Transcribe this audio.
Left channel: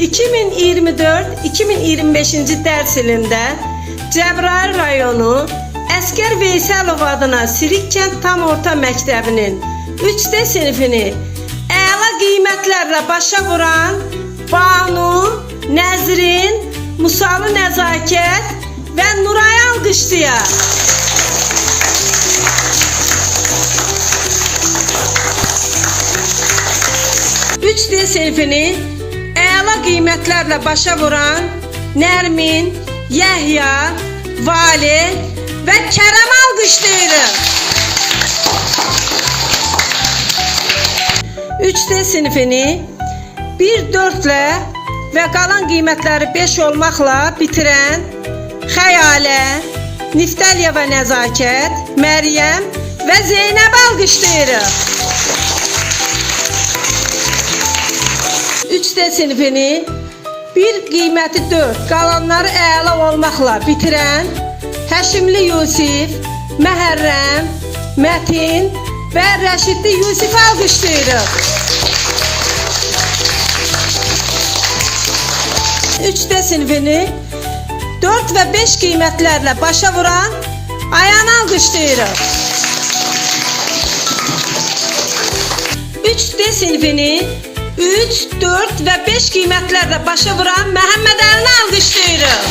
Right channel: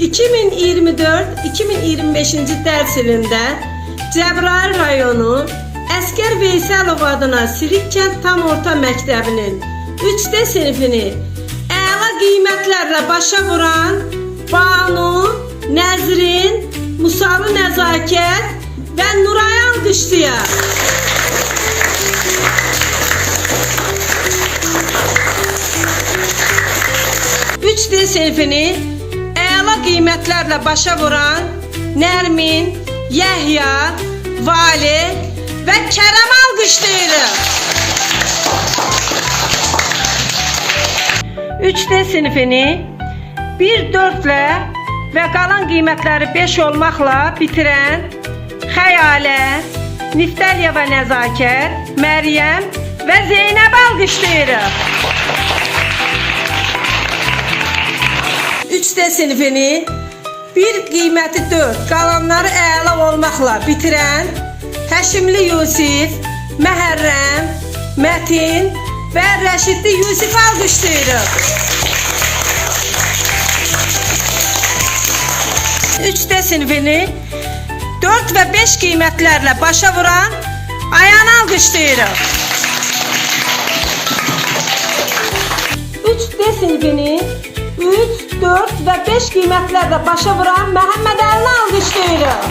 2024-2025-ci dərs ilində Cəbrayıl rayonu Əskər Veysəlov adına Sirik kənd tam orta məktəbinin 3D sinifini əla qiymətlərlə başa vuran Banu, Nəzrin, Musalı Nəzakət və Nurayı alqışlayaq. 3D sinifini əla qiymətlərlə başa vuran Nərmin, Yəhya, Vali və Kərəm alqışlayırıq. 3D sinifini 1-4 ilə və qalan qiymətləri 5 olmaqla bitirən Xəyalə, Niftəliyə və Nəzakət, Məryəm və Zeynəb alqışlayırıq. 3D sinifini bir qiyməti 4, qalanları əla olmaqla bitirən Həşimli Yusif, Məhərrəm, Mətin və Rəşidli Yusif alqışlayırıq. 3D sinifini 4 və 5 qiymətlərlə başa vuran Ayanı alqışlayırıq. 3D sinifini 3, 4 və 5 qiymətlərlə başa vuran Məhəmməd Əlini alqışlayırıq.